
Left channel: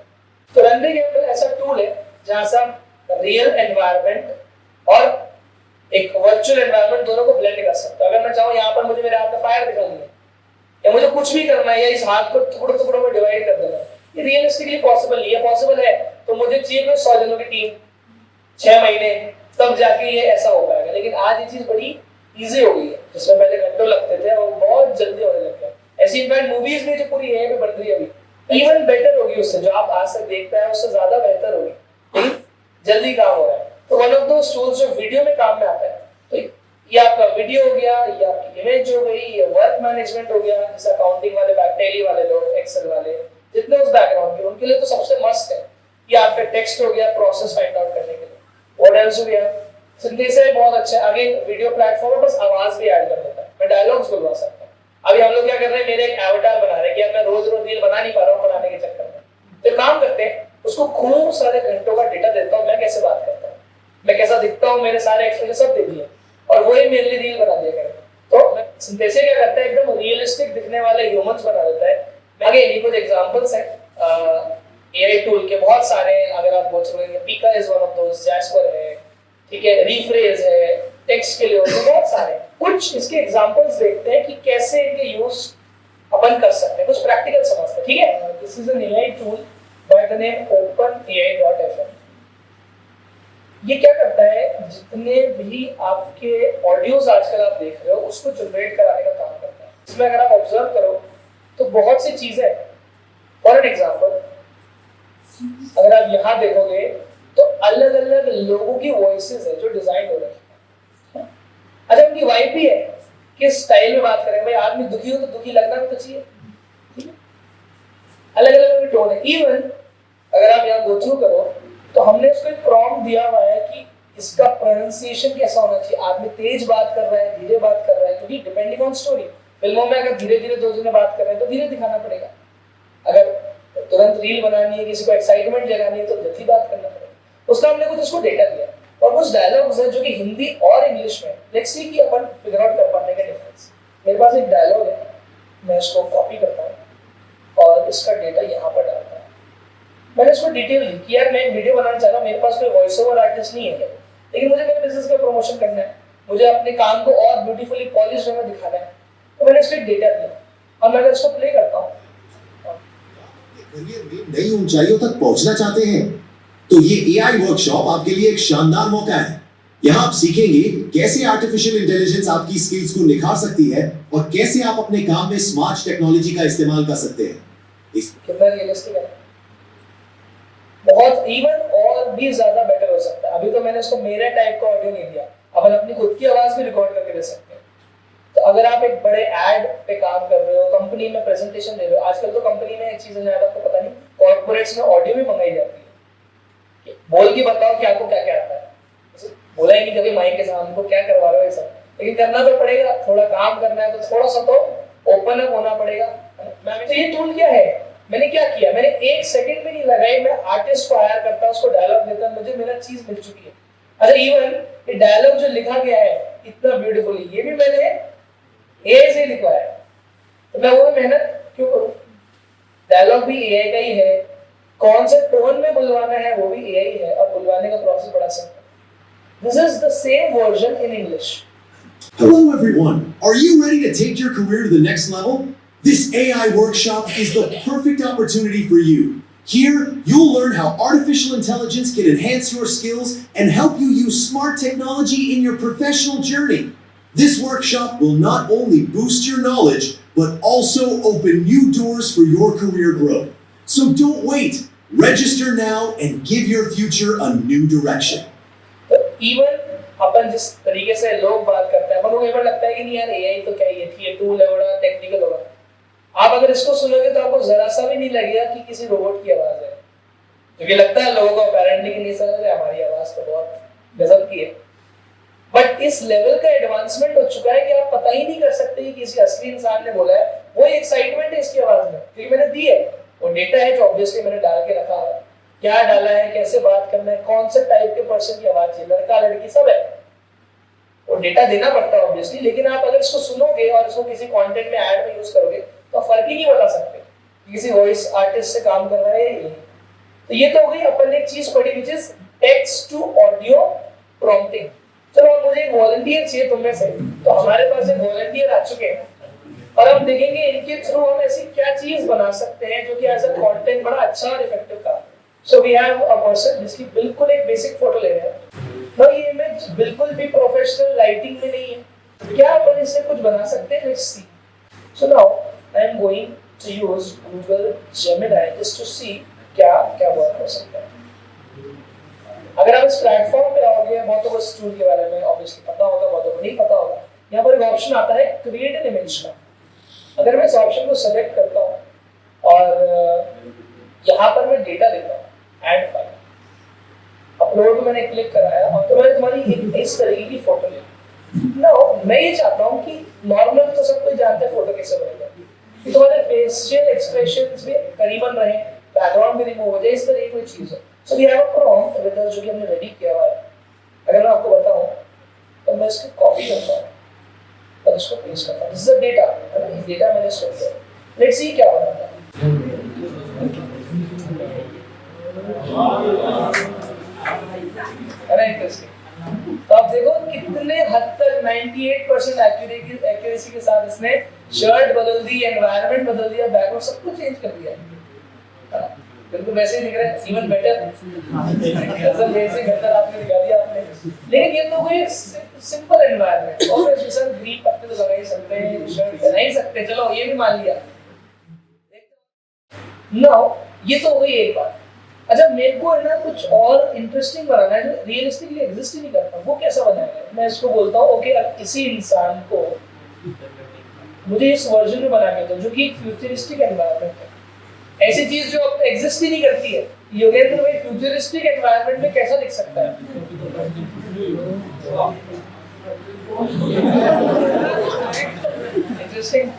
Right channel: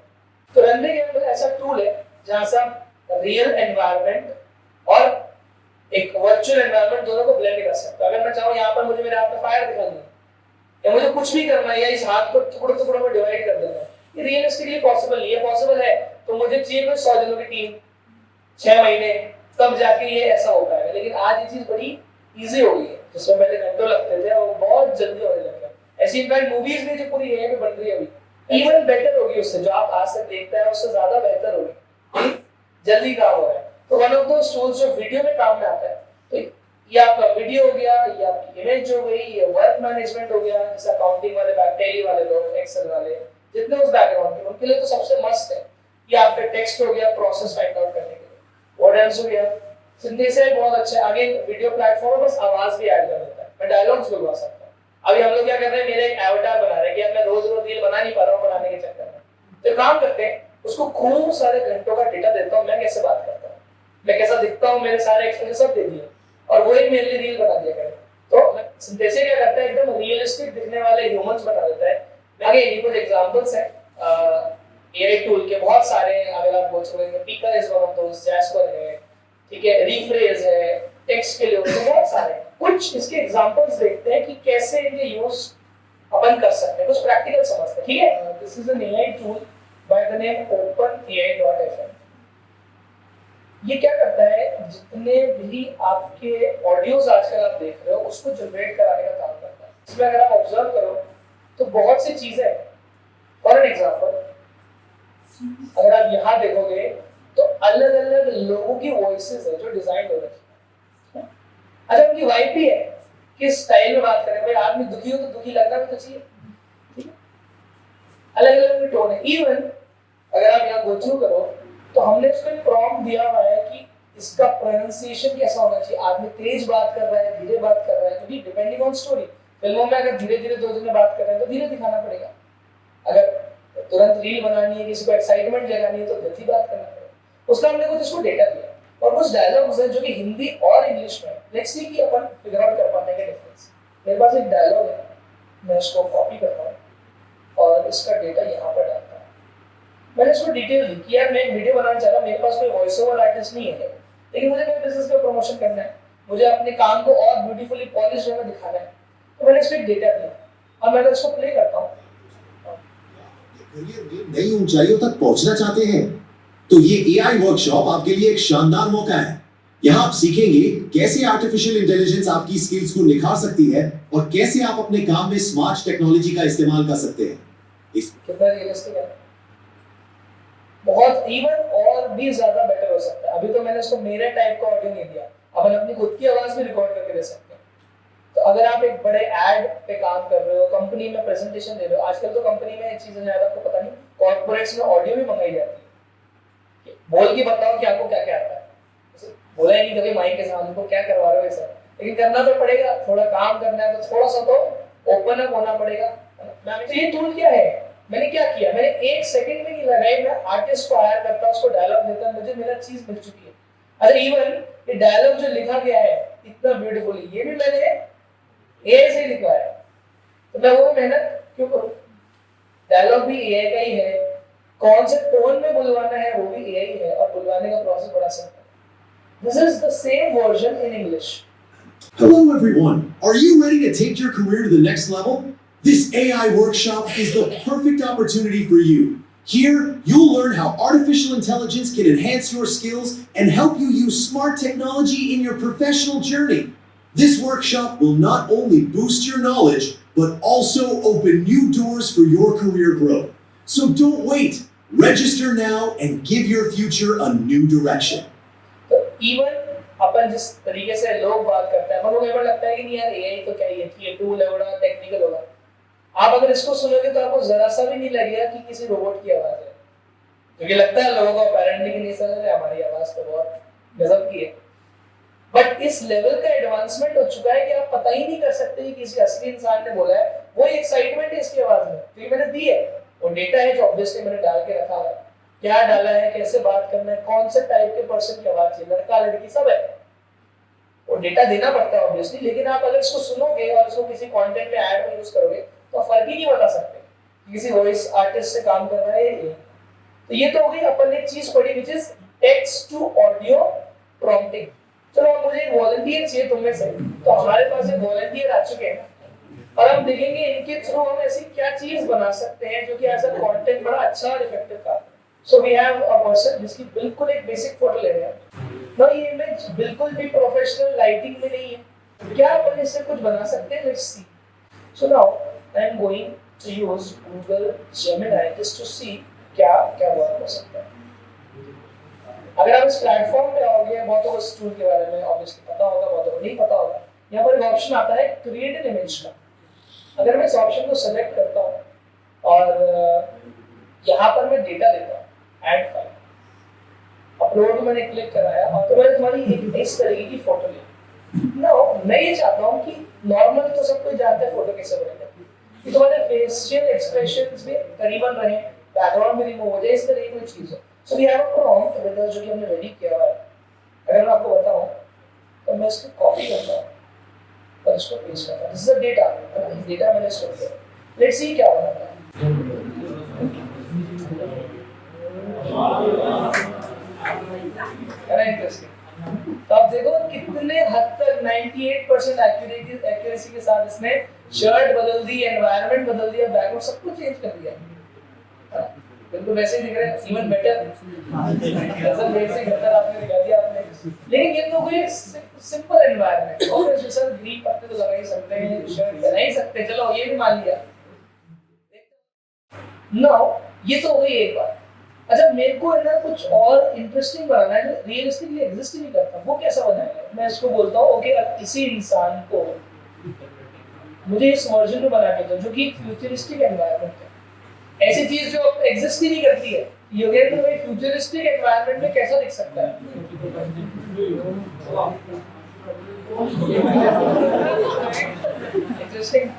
तो रनवे गेम ऐसा टूल है जहां से हम रियल एनवायरनमेंट और एक वर्चुअल एनवायरनमेंट दोनों को ब्लेंड कर सकते हैं। अगर मैं चाहूँ यहाँ पर मुझे मेरे हाथ में फायर दिखानी है, या मुझे कुछ भी करना है, या इस हाथ को टुकड़ों टुकड़ों में डिवाइड कर देना है, ये रियलिस्टिकली पॉसिबल नहीं है। पॉसिबल है तो मुझे चाहिए कोई 100 जनों की टीम, 6 महीने, तब जाके ये ऐसा हो पाएगा। लेकिन आज ये चीज बड़ी इजी हो गई है, जिसमें पहले घंटों लगते थे और बहुत जल्दी होने लग गया। ऐसी इनफैक्ट मूवीज में जो पूरी एआई पे बन रही है अभी, इवन बेटर होगी उससे, जो आप आज तक देखते हैं उससे ज्यादा बेहतर होगी, जल्दी काम हो रहा है। तो वन ऑफ दोस टूल्स जो वीडियो में काम में आता है, तो ये आपका वीडियो हो गया, ये आपकी इमेज हो गई, ये वर्क मैनेजमेंट हो गया, जैसे अकाउंटिंग वाले, टैली वाले लोग, एक्सेल वाले, जितने उस बैकग्राउंड के, उनके लिए तो सबसे मस्त है। ये आपका टेक्स्ट हो गया प्रोसेस फाइंड आउट करने के लिए, व्हाट एल्स हो गया, सिंथेसिस बहुत अच्छा है। आगे वीडियो प्लेटफॉर्म बस आवाज भी ऐड कर देता है, मैं डायलॉग्स बुलवा सकता हूं। अभी हम लोग क्या कर रहे हैं, मेरे एक एवटार बना रहे हैं कि अब मैं रोज रोज रील बना नहीं पा रहा हूं बनाने के चक्कर में, तो काम करते हैं, उसको खूब सारे घंटों का डेटा देता हूं, मैं कैसे बात करता हूं, मैं कैसा दिखता हूं, मेरे सारे एक्सप्रेशन सब दे दिए, और वही मेरे लिए रील बना दिया करेगा। तो सिंथेसिस क्या करता है, एकदम रियलिस्टिक दिखने वाले ह्यूमंस बना देता है। आगे ये कुछ एग्जांपल्स हैं एआई टूल के, बहुत सारे हैं। अगर आप बोल सकोगे पीका is one of those, jasper है, ठीक है, रीफ्रेज है, टेक्स्ट के लिए तो बहुत सारे। कुछ इसके एग्जांपल्स देखते हैं कि कैसे इनके यूज अपन कर सकते हैं, कुछ प्रैक्टिकल समझते हैं, ठीक है। This is an AI tool by the name openai.fm। ये क्या करता है, जितने भी आपके ऑडियोज आजकल आप देख रहे हो उसको जनरेट कराने का काम करता है। इसमें अगर आप ऑब्जर्व करो तो बहुत सी चीजें हैं। फॉर एन एग्जांपल, अगर आप यहाँ देखोगे तो अलग अलग लोगों की वॉइसेस है जो डिजाइन हो रही है। अच्छा, उनकी वाइब भी है, किस स्टाइल में बात करें, भाई आदमी दुखी हो तो दुखी लगना भी तो चाहिए, ठीक है, अलग अलग टोन है। इवन अगर आप यहाँ गो थ्रू करो तो हमने उसको एक प्रॉम्प्ट दिया हुआ है कि इसका प्रोनाउंसिएशन कैसा होना चाहिए, आदमी तेज बात कर रहा है, धीरे बात कर रहा है, क्योंकि डिपेंडिंग ऑन स्टोरी, फिल्मों में अगर धीरे धीरे दो जने बात कर रहे हैं तो धीरे दिखाना पड़ेगा, अगर तुरंत रील बनानी है, किसी को एक्साइटमेंट जगानी है तो गति बात करना पड़ेगा। उसका हमने कुछ उसको डेटा दिया और कुछ डायलॉग्स हैं जो कि हिंदी और इंग्लिश में, लेट्स सी कि अपन फिगर आउट कर पाते हैं डिफरेंस। मेरे पास एक डायलॉग है, मैं इसको कॉपी करता हूँ और इसका डेटा यहाँ पर डालता हूँ। मैंने इसको डिटेल दी कि यार मैं एक वीडियो बनाना चाह रहा हूँ, मेरे पास कोई वॉइस ओवर आर्टिस्ट नहीं है, लेकिन मुझे मेरे बिजनेस का प्रमोशन करना है, मुझे अपने काम को और ब्यूटीफुली पॉलिश में दिखाना है, तो मैंने इसको एक डेटा दिया और मैं अगर इसको प्ले करता हूँ, करियर में नई ऊंचाइयों तक पहुंचना चाहते हैं तो ये एआई वर्कशॉप आपके लिए एक शानदार मौका है। यहाँ आप सीखेंगे कैसे आर्टिफिशियल इंटेलिजेंस आपकी स्किल्स को निखार सकती है और कैसे आप अपने काम में स्मार्ट टेक्नोलॉजी का इस्तेमाल कर सकते हैं। कितना रियलिस्टिक है, बहुत इवन और भी ज्यादा बेटर हो सकता है। अभी तो मैंने उसको मेरे टाइप का ऑडियो नहीं दिया, अपन अपनी खुद की आवाज भी रिकॉर्ड करके दे सकते हैं। तो अगर आप एक बड़े एड पे काम कर रहे हो, कंपनी में प्रेजेंटेशन दे रहे हो, आजकल तो कंपनी में एक चीज है आपको पता नहीं, कॉर्पोरेट्स में ऑडियो भी मंगाई जाती है, बोल के बताओ कि आपको क्या क्या आता है। बोला ही नहीं कभी माइक के सामने को क्या करवा रहे हो ऐसा, लेकिन करना तो पड़ेगा, थोड़ा काम करना है तो थोड़ा सा तो ओपन अप होना पड़ेगा। तो ये टूल क्या है, मैंने क्या किया, मैंने एक सेकंड भी नहीं लगाई, मैं आर्टिस्ट को हायर करता, उसको डायलॉग देता, मुझे मेरा चीज मिल चुकी है। अच्छा इवन ये डायलॉग जो लिखा गया है इतना ब्यूटीफुली, ये भी मैंने एआई से लिखा है, तो मैं वो मेहनत क्यों करूं। डायलॉग भी एआई का ही है, कौन से टोन में बुलवाना है वो भी एआई है, और बुलवाने का प्रोसेस बड़ा सिंपल है। This is the same version in English. Hello everyone, are you ready to take your career to the next level? This AI workshop is the perfect opportunity for you. Here, you'll learn how artificial intelligence can enhance your skills and help you use smart technology in your professional journey. This workshop will not only boost your knowledge, but also open new doors for your career growth. So don't wait. Register now and give your future a new direction. तो इवन अपन जिस तरीके से लोग बात करते हैं, अपन को ये लगता है कि नहीं यार एआई तो क्या ही है, ठीक है टूल है, बड़ा टेक्निकल होगा। आप अगर इसको सुनोगे तो आपको जरा सा भी नहीं लगेगा कि किसी रोबोट की आवाज है, क्योंकि लगता है लोगों को अपेरेंटली कि नहीं समझ रहे हमारी आवाज तो बहुत गजब की है। बट इस लेवल का एडवांसमेंट हो चुका है कि आप पता ही नहीं कर सकते कि किसी असली इंसान ने बोला है, वो एक्साइटमेंट है इसकी आवाज में, क्योंकि मैंने दी है वो डेटा है जो ऑब्वियसली मैंने डाल के रखा है, क्या डाला है, कैसे बात करना है, कौन से टाइप के पर्सन की आवाज है, लड़का लड़की सब है, वो डेटा देना पड़ता है ऑब्वियसली। लेकिन आप अगर इसको सुनोगे और इसको किसी कंटेंट में ऐड में यूज करोगे तो फर्क ही नहीं बता सकते किसी वॉइस आर्टिस्ट से काम कर रहा है ये। तो ये तो हो गई अपन ने एक चीज पढ़ी which is text to audio prompting. चलो अब मुझे एक वॉलंटियर चाहिए तुम में से, तो हमारे पास एक वॉलंटियर आ चुके हैं और हम देखेंगे इनके थ्रू हम ऐसी क्या चीज बना सकते हैं जो कि एज अ कंटेंट बड़ा अच्छा और इफेक्टिव था। So we have a person जिसकी बिल्कुल एक बेसिक फोटो ले रहे हैं ना, ये इमेज बिल्कुल भी प्रोफेशनल लाइटिंग में नहीं है, क्या अपन इससे कुछ बना सकते हैं, let's see. So now I am going to use Google Gemini just to see क्या क्या वर्क हो सकता है। अगर आप इस प्लेटफॉर्म पे आओगे, बहुतों को इस टूल के बारे में ऑब्वियसली पता होगा, बहुतों को नहीं पता होगा। यहाँ पर एक ऑप्शन आता है क्रिएट एन इमेज का। अगर मैं इस ऑप्शन को सेलेक्ट करता हूँ और यहाँ पर मैं डेटा देता हूँ, ऐड फाइल अपलोड मैंने क्लिक कराया और तो मैंने तुम्हारी एक इस तरीके की फोटो ली ना। मैं ये चाहता हूँ कि नॉर्मल तो सब कोई जानते हैं फोटो कैसे बनेगा, कि तुम्हारे फेशियल एक्सप्रेशंस भी करीबन रहे, बैकग्राउंड भी रिमूव हो जाए, इस तरीके की चीज है। So we have a prompt with us जो कि हमने रेडी किया हुआ है। अगर मैं आपको बताऊं तो मैं इसको कॉपी करता हूं और इसको पेस्ट करता हूं। This is the data, data मैंने स्टोर किया। लेट्स सी क्या बनाता है। है ना इंटरेस्टिंग। तो आप देखो कितने हद तक 98% एक्यूरेसी के साथ इसने शर्ट बदल दी, एनवायरनमेंट बदल दिया, बैकग्राउंड सब कुछ चेंज कर दिया। बिल्कुल वैसे ही दिख रहा है, इवन बेटर, गजल जैसे बेहतर आपने दिखा दिया आपने। लेकिन ये तो कोई सिंपल एनवायरनमेंट, और सर ग्रीन पत्ते तो लगा ही सकते हैं, शर्ट बना ही सकते, चलो ये भी मान लिया। नाउ ये तो हो गई एक बात। अच्छा मेरे को है ना कुछ और इंटरेस्टिंग बनाना है जो रियलिस्टिकली एग्जिस्ट ही नहीं करता, वो कैसा बनाएगा। मैं इसको बोलता हूँ ओके अब इसी इंसान को मुझे इस वर्जन में बना के दो जो कि एक फ्यूचरिस्टिक एनवायरनमेंट है। ऐसी चीज जो अब एग्जिस्ट ही नहीं करती है। योगेंद्र भाई फ्यूचरिस्टिक एनवायरनमेंट में कैसा दिख सकता है? इंटरेस्टिंग।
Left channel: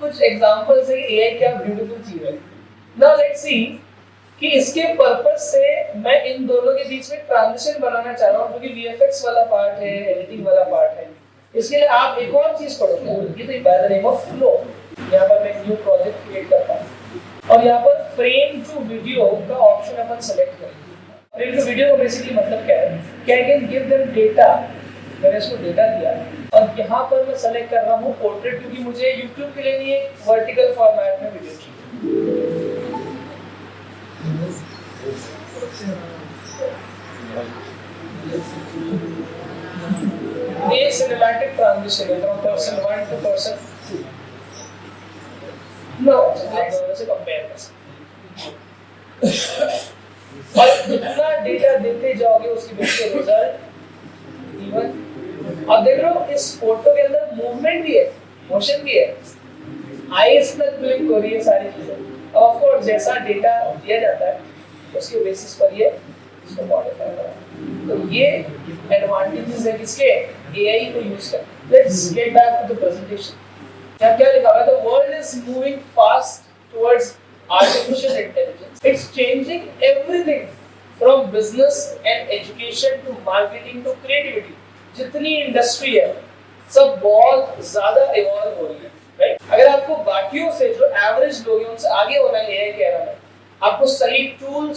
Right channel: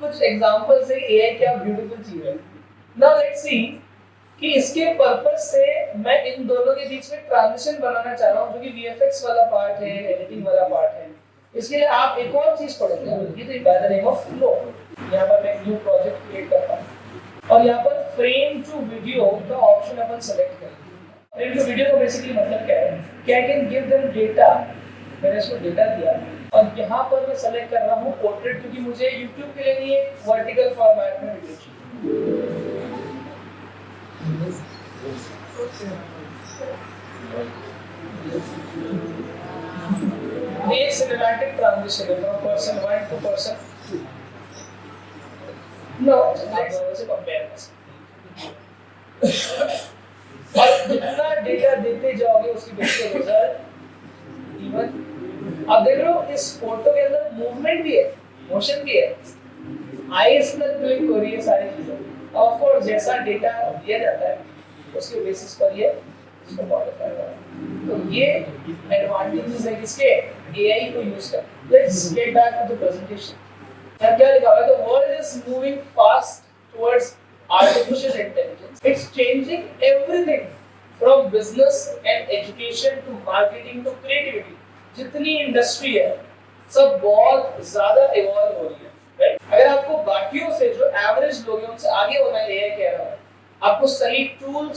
कुछ एग्जांपल्स है एआई क्या ब्यूटीफुल चीज है। नाउ लेट्स सी कि इसके पर्पस से मैं इन दोनों के बीच में ट्रांजिशन बनाना चाह रहा हूँ, क्योंकि वीएफएक्स वाला पार्ट है, एडिटिंग वाला पार्ट है। इसके लिए आप एक और चीज पढ़ोगे, ये तो by the name of flow. यहाँ पर मैं न्यू प्रोजेक्ट क्रिएट करता हूँ और यहाँ पर फ्रेम टू वीडियो का ऑप्शन अपन सेलेक्ट करेंगे। फ्रेम टू वीडियो का बेसिकली मतलब क्या है कि I can give them data. मैंने इसको डेटा दिया और यहाँ पर मैं सेलेक्ट कर रहा हूँ पोर्ट्रेट, क्योंकि मुझे यूट्यूब के लिए नहीं एक वर्टिकल फॉर्मेट में वीडियो चाहिए। एक सिनेमैटिक ट्रांजिशन है from person 1 to person 2। No let's compare this. और जितना डेटा देते जाओगे उसकी बेसिस पे रिजल्ट इवन। अब देख रहे हो इस फोटो के अंदर मूवमेंट भी है, मोशन भी है, आईज तक ब्लिंक हो रही है, सारी चीजें। ऑफ कोर्स जैसा डेटा दिया जाता है उसके बेसिस पर ये इसको मॉडिफाई होता है। तो ये एडवांटेजेस है किसके? एआई को यूज कर। Let's get back to the presentation. यहाँ क्या लिखा हुआ है? The world is moving fast towards artificial intelligence. It's changing everything from business and education to marketing to creativity. जितनी इंडस्ट्री है सब बहुत ज्यादा इवॉल्व हो रही है, राइट? अगर आपको बाकियों से जो एवरेज लोग हैं उनसे आगे होना है, एआई कह रहा है, आपको सही टूल्स